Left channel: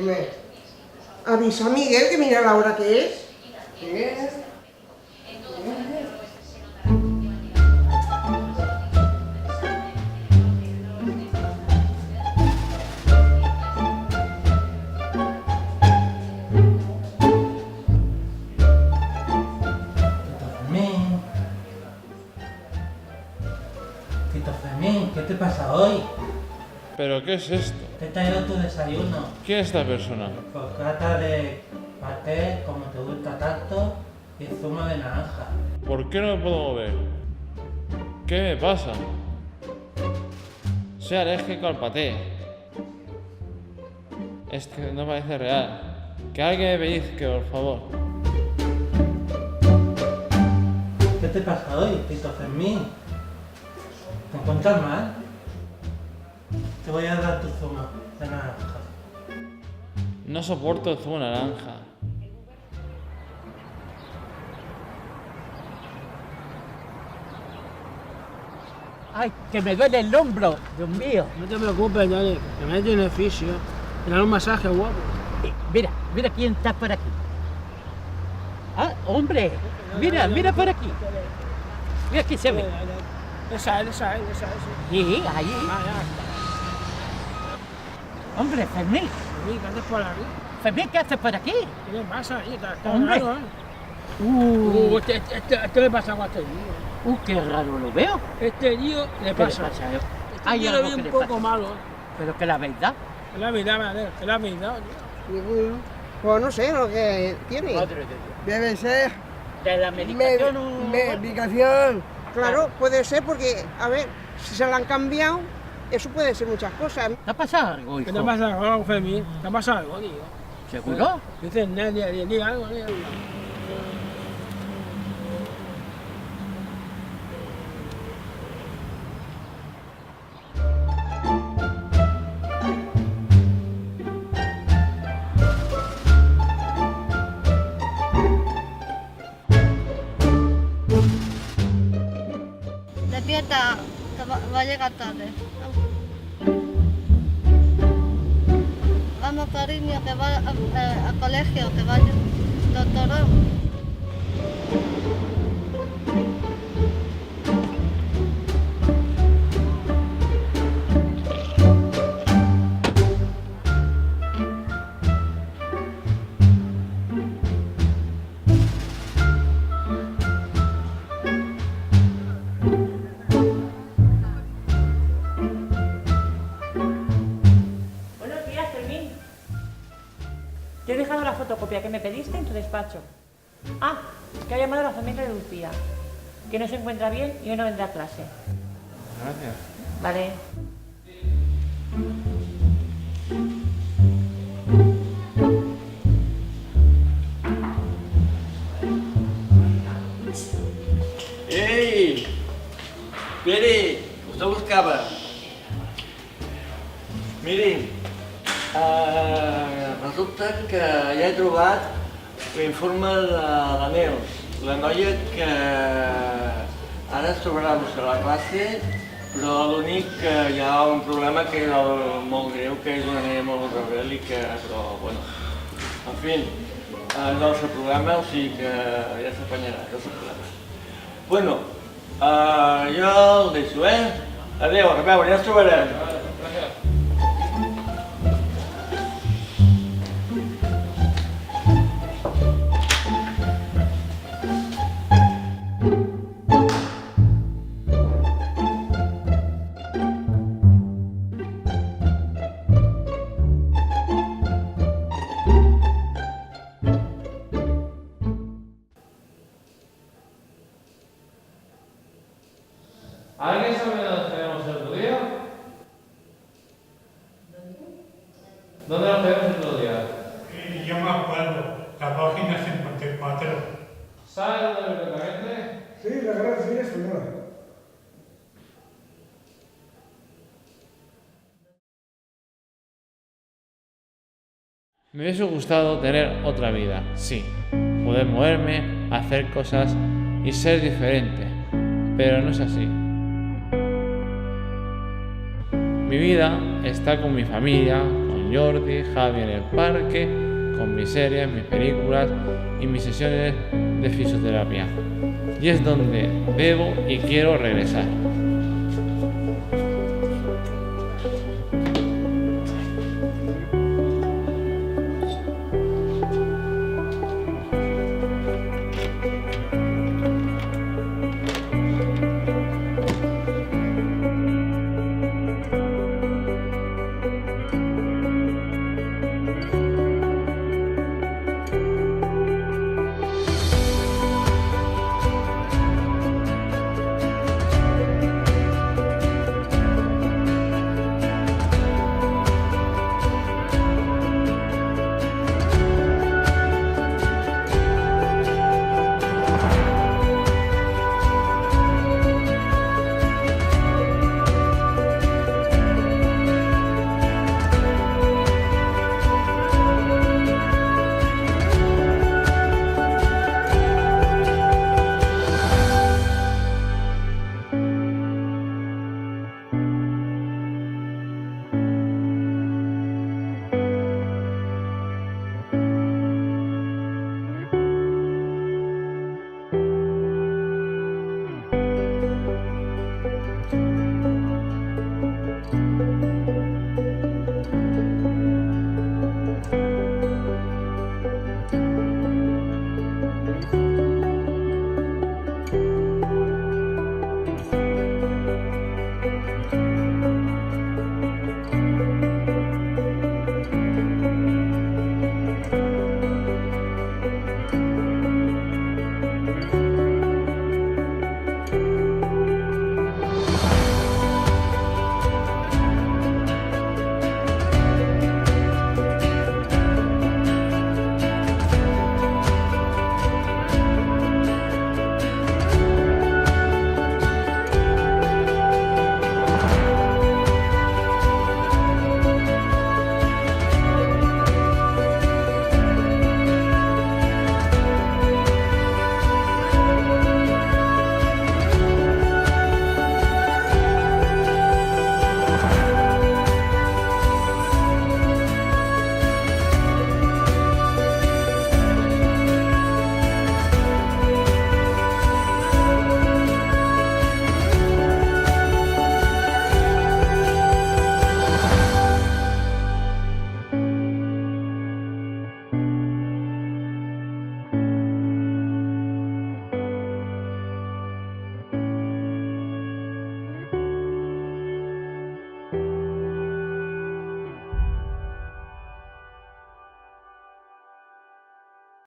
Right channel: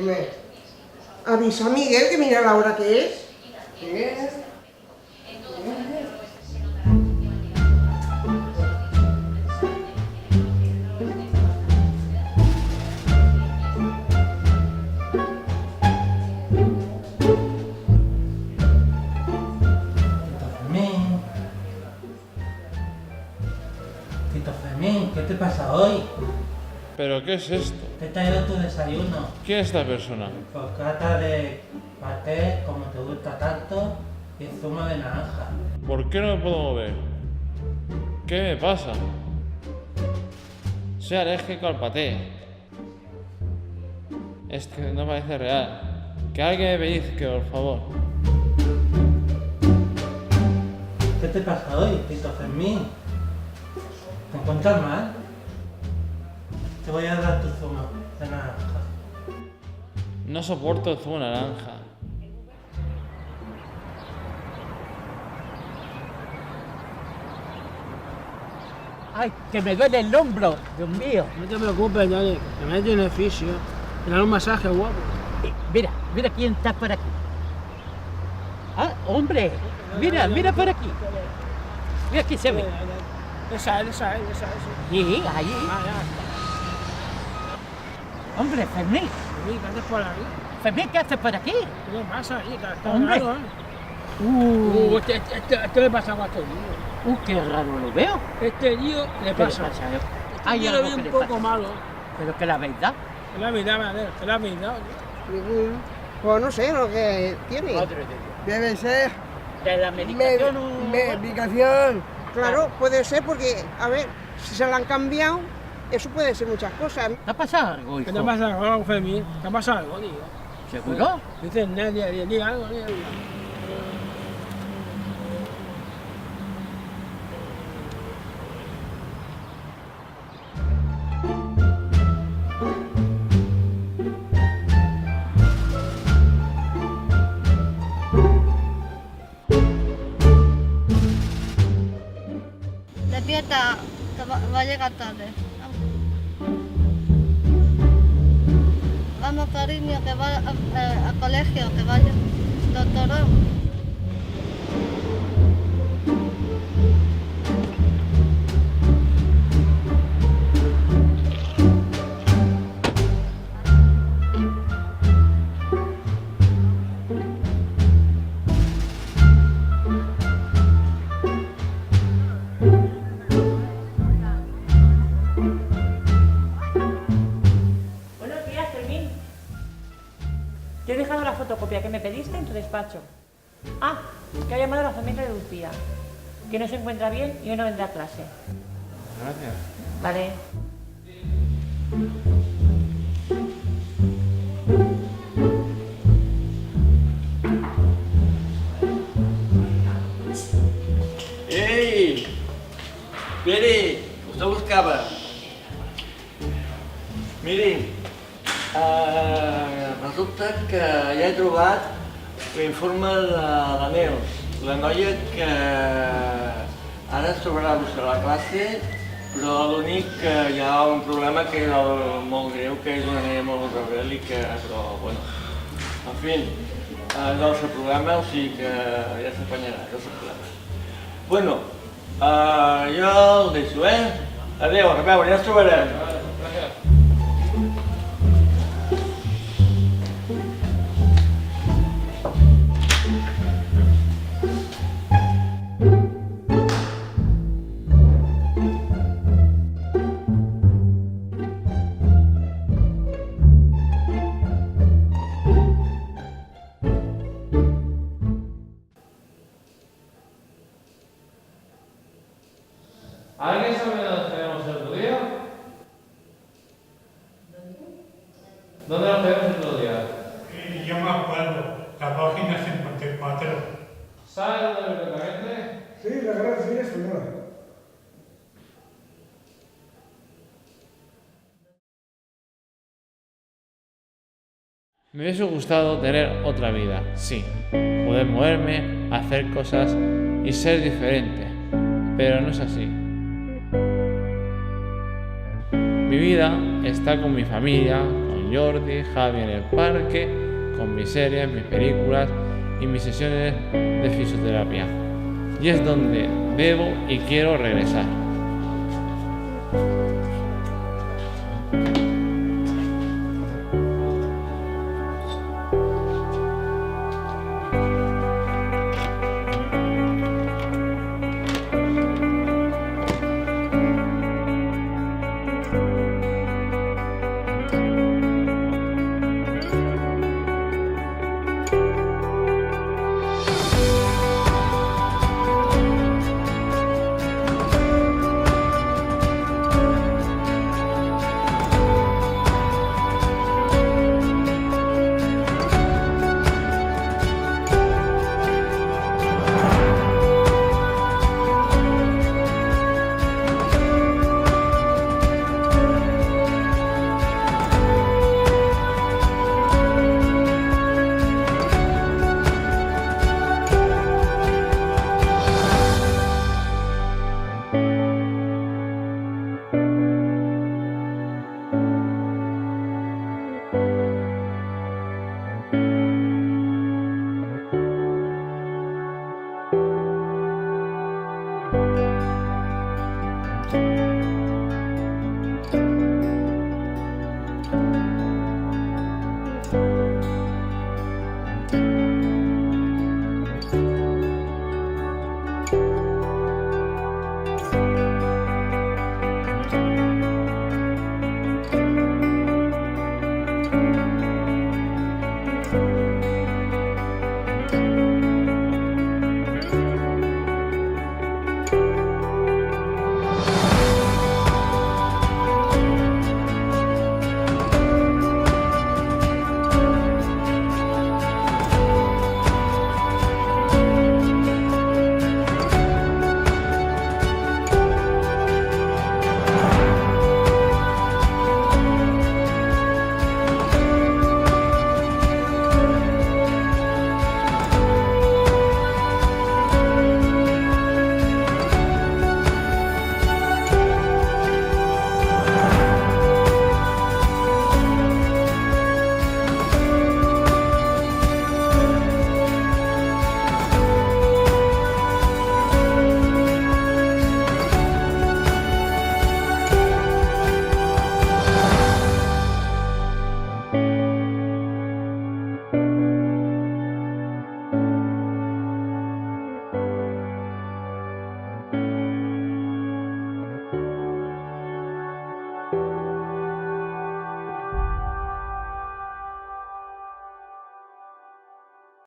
Dime. Avisa a Miguel que mira la hora que es. ¿Qué? Tito Fermín, ¿qué te pasa hoy? ¿Pero qué es esto? Te he traído tu desayuno. ¿Quién es esta persona? Bocata de paté, como te gusta tanto, y zumo de naranja. ¿Por qué no me puedo mover? ¿Qué me pasa? Soy alérgico al paté. Es que no parece real. Que alguien me pellizque, por favor. ¿Qué te pasa hoy, Tito Fermín? ¿Te encuentras mal? Te voy a dar tu zumo de naranja. No soporto el zumo de naranja. ¡Ay, que me duele el hombro! ¡Dios mío! No te preocupes, Dani, que me tiene fisio. Me da un masaje guapo. Mira, mira quién está por aquí. ¡Ah, hombre! Mira, mira por aquí. Mira aquí se ve. Esa es. Sí, ahí. Ah, ya. Hombre, Fermín. ¿Qué haces por aquí? Fermín, ¿qué haces por aquí? ¿Qué le pasa ahí? Está Hombre. raro, ¿eh? Este le pasa algo a este tío. Qué raro lo veo. Este tío le ¿Qué pasa. le pasa? Este Hay tío lo algo veo que un le poco pasa. malo. Pero que la verdad. Es la verdad, madre. Es la verdad, tío. Ninguno. Pues no sé lo que tiene. Madre de Dios. Debe ser De la medicación. medicación. Claro, puede ser porque, a ver, si se la han cambiado, eso puede ser muchas cosas. ¿Te ha pasado algo, ¿Qué hijo? te pasa algo, Fermín? ¿Te ha pasado algo, tío? ¿Seguro? Dices, nadie, diga algo, tío. Despierta, que va a llegar tarde. Vamos, cariño, que va al colegio, que vaya. Doctorón. Buenos días, Fermín. Te he dejado la fotocopia que me pediste en tu despacho. Ah, que ha llamado la familia de Lucía, que no se encuentra bien y hoy no vendrá a clase. Gracias. Vale. Ei! Pere, us buscava. Mirin, resulta que ja he trobat l'informe de la Neus, la noia que ara es trobarà a buscar la classe, però l'únic que hi ha un problema que és molt greu, que és una nena molt rebèl·lica, però bueno, en fi, és el seu problema, o sigui que ja s'apanyarà, és el seu problema. Bueno, jo el deixo, Adéu, a veure, ja ens trobarem. ¿Alguien sabe dónde tenemos el otro día? ¿Dónde nos quedamos el otro día? Yo me acuerdo, la página 54. ¿Sabes dónde perfectamente? Sí, la Gran Feria Española. Me hubiese gustado tener otra vida, sí. Poder moverme, hacer cosas y ser diferente. Pero no es así. Mi vida está con mi familia, con con Jordi, Javi en el parque, con mis series, mis películas y mis sesiones de fisioterapia. Y es donde debo y quiero regresar.